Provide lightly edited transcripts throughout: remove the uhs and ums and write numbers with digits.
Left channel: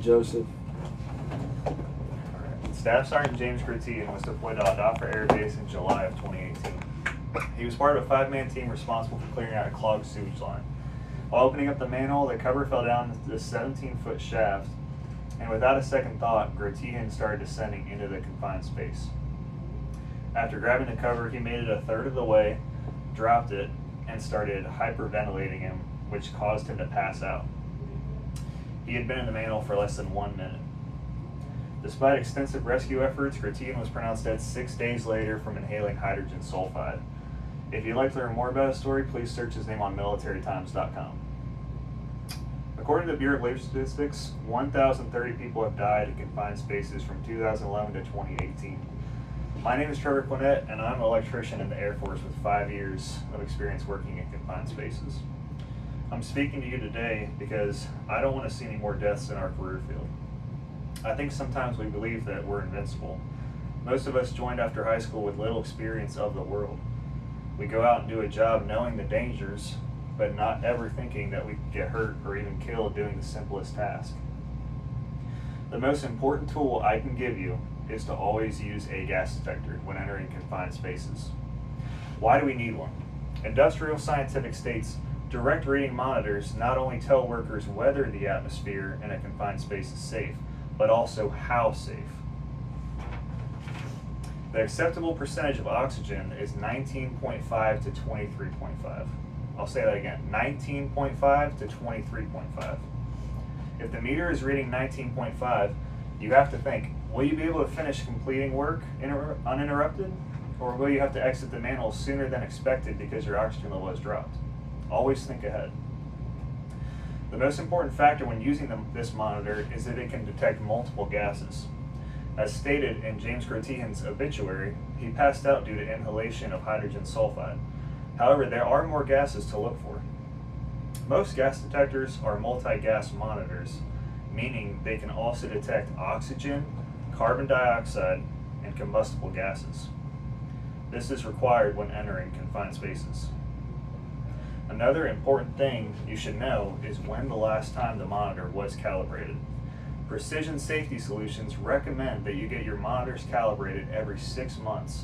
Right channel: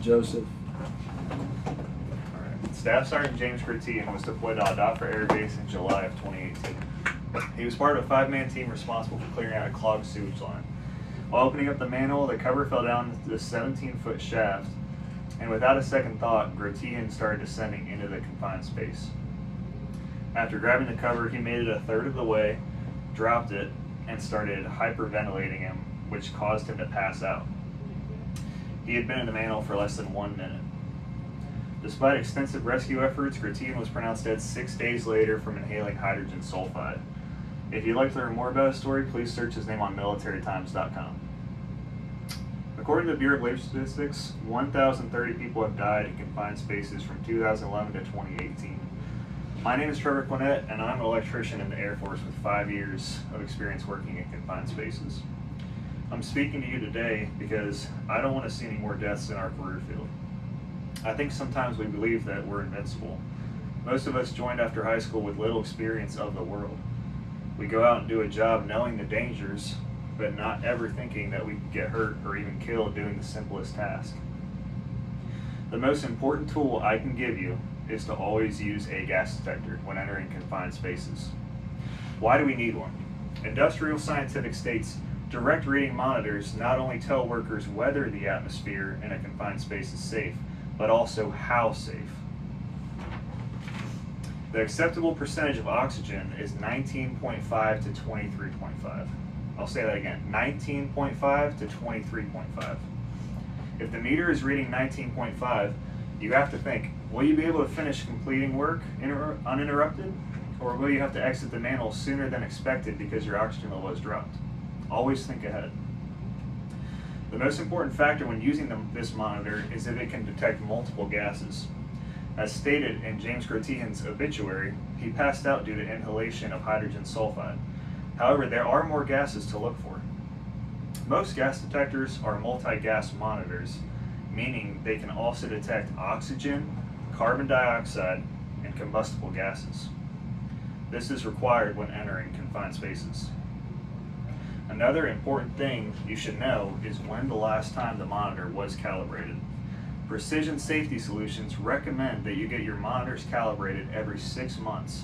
Joseph. Alright. Staff Sergeant James Gratian was deployed to Adafra Air Base in July of 2018. He was part of a 5-man team responsible for clearing out a clogged sewage line. While opening up the manhole, the cover fell down this 17-foot shaft, and without a second thought, Gratian started descending into the confined space. After grabbing the cover, he made it a third of the way, dropped it, and started hyperventilating him, which caused him to pass out. He had been in the manhole for less than 1 minute. Despite extensive rescue efforts, Gratian was pronounced dead 6 days later from inhaling hydrogen sulfide. If you'd like to learn more about his story, please search his name on militarytimes.com. According to the Bureau of Labor Statistics, 1,030 people have died in confined spaces from 2011 to 2018. My name is Trevor Quinnett, and I'm an electrician in the Air Force with 5 years of experience working in confined spaces. I'm speaking to you today because I don't want to see any more deaths in our career field. I think sometimes we believe that we're invincible. Most of us joined after high school with little experience of the world. We go out and do a job knowing the dangers, but not ever thinking that we could get hurt or even killed doing the simplest task. The most important tool I can give you is to always use a gas detector when entering confined spaces. Why do we need one? Industrial Scientific states direct reading monitors not only tell workers whether the atmosphere in a confined space is safe, but also how safe. The acceptable percentage of oxygen is 19.5 to 23.5. I'll say that again, 19.5 to 23.5. If the meter is reading 19.5, you have to think, will you be able to finish completing work uninterrupted? Or will you have to exit the manhole sooner than expected because your oxygen level has dropped? Always think ahead. The most important factor when using this monitor is if it can detect multiple gases. As stated in James Gratian's obituary, he passed out due to inhalation of hydrogen sulfide. However, there are more gases to look for. Most gas detectors are multi-gas monitors, meaning they can also detect oxygen, carbon dioxide, and combustible gases. This is required when entering confined spaces. Another important thing you should know is when the last time the monitor was calibrated. Precision Safety Solutions recommend that you get your monitors calibrated every 6 months.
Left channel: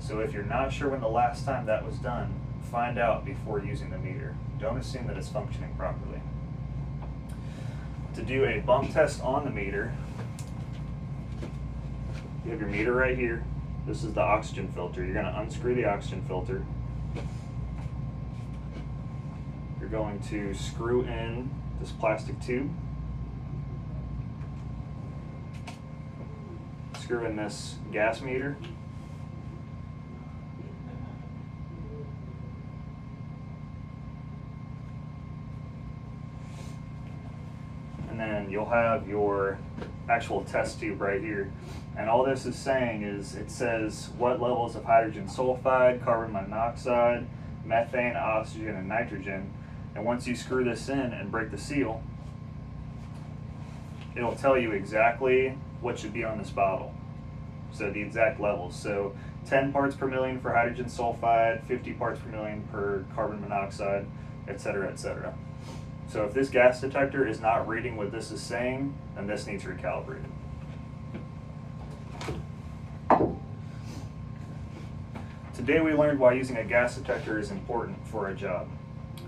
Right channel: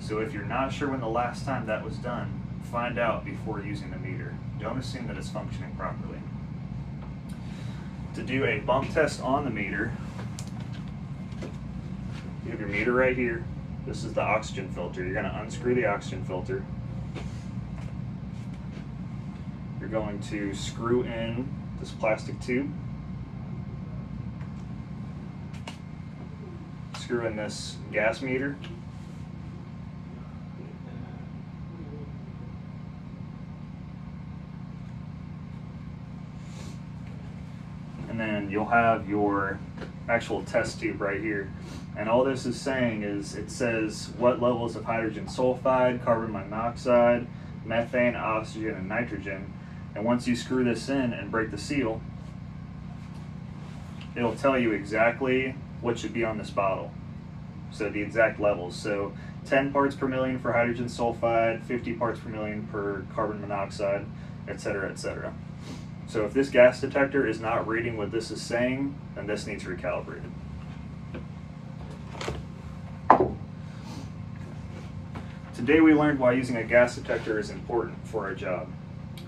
So if you're not sure when the last time that was done, find out before using the meter. Don't assume that it's functioning properly. To do a bump test on the meter, you have your meter right here. This is the oxygen filter. You're going to unscrew the oxygen filter. You're going to screw in this plastic tube. Screw in this gas meter. And then you'll have your actual test tube right here. And all this is saying is it says what levels of hydrogen sulfide, carbon monoxide, methane, oxygen, and nitrogen. And once you screw this in and break the seal, it'll tell you exactly what should be on this bottle. So the exact levels. So 10 parts per million for hydrogen sulfide, 50 parts per million per carbon monoxide, etc., etc. So if this gas detector is not reading what this is saying, then this needs recalibrated. Today we learned why using a gas detector is important for our job.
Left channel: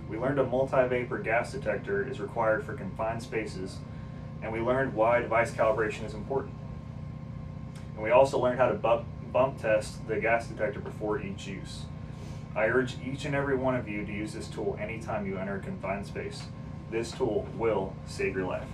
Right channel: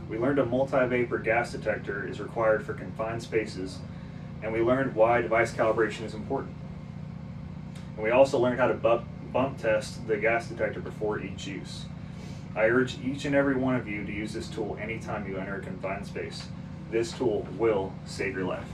We learned a multi-vapor gas detector is required for confined spaces, and we learned why device calibration is important. And we also learned how to bump test the gas detector before each use. I urge each and every one of you to use this tool anytime you enter a confined space. This tool will save your life.